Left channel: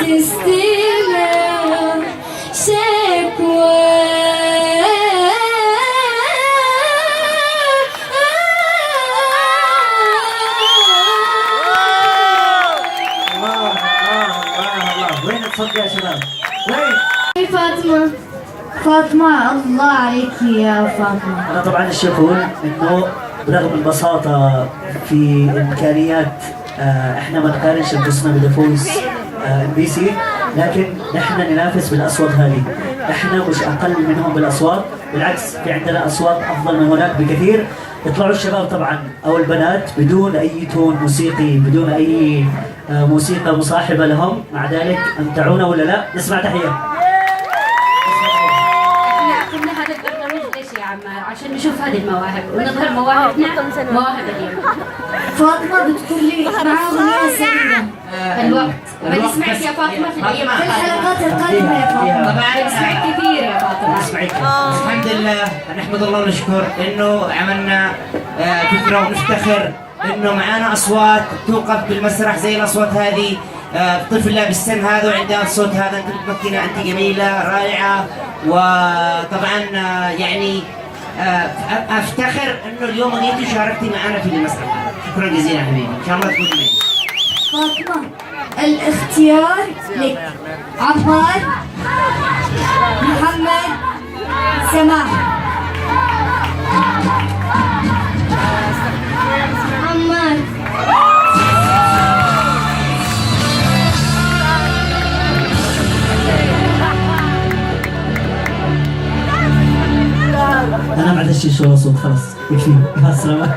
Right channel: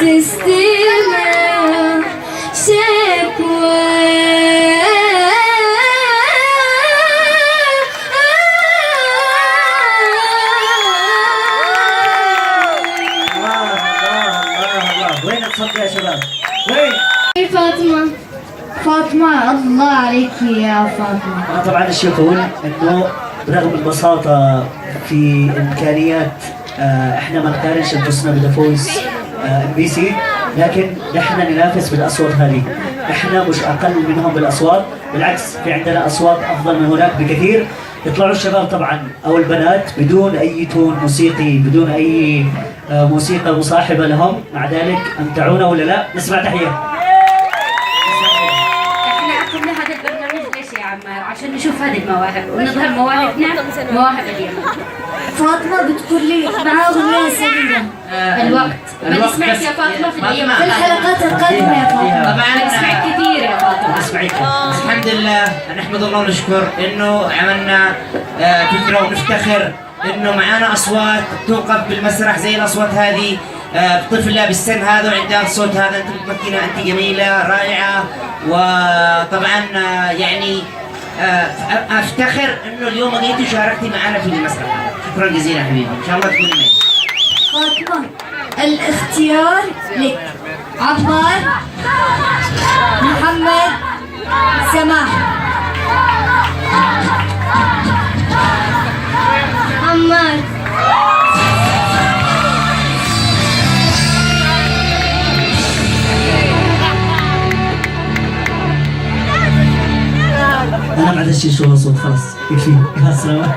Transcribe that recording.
تستمع شكوى. وين الصوت يا شباب؟ وين؟ فاطمة. فاطمة، الله عليك يا فاطمة. أنا طبعا الشكون إنه برغم البساطة في إمكانيات إحنا ما نقارنش أنفسنا بفويس MBC، لكن نحن ننافس بالأصوات هذه. إحنا مش أقل منهم بالأصوات، بالعكس في عندنا أصوات أفضل من هناك بكثير. يطلعوا الشباب طبعا أو البنات بدون أي تون موسيقي، بدون أي موسيقى مصاحبة لهم، مع ذلك أمتعونا ولا لا؟ نسمع تحية. احنا عقدنا هذا البرنامج ليش يا عمار؟ عشان نشوف هذه المواهب ونظهر مواهبنا، مواهب اليوم. فاطمة بتقول لي معاه أغنية سعيدة. الوقت ما سمعت يا فاطمة في الأيام في الحلقات القادمة يا فاطمة. طبعا سمعت كثير يا فاطمة. أسمعك. الحمد لله، نحمد الله ونشكر انه عملنا فكره ونفتخر انه معانا اصوات توقف بالمسرح زي الاصوات هذه. طفلة بالسن هذا وعندها الصوت هذا، انت متمكنه، انت جميله رائعه. وطبعا يعني افتخر انه اليوم جيتي وشاركتي معنا في المسرح. شكرا جزيلا حبيبي، ان شاء الله تكوني معي. فاطمة، الاختيار لك. عمار، محمد، سماح. عمار. أنا ما عندي شيء شو صوت، خلاص يكفي. مع السلامة.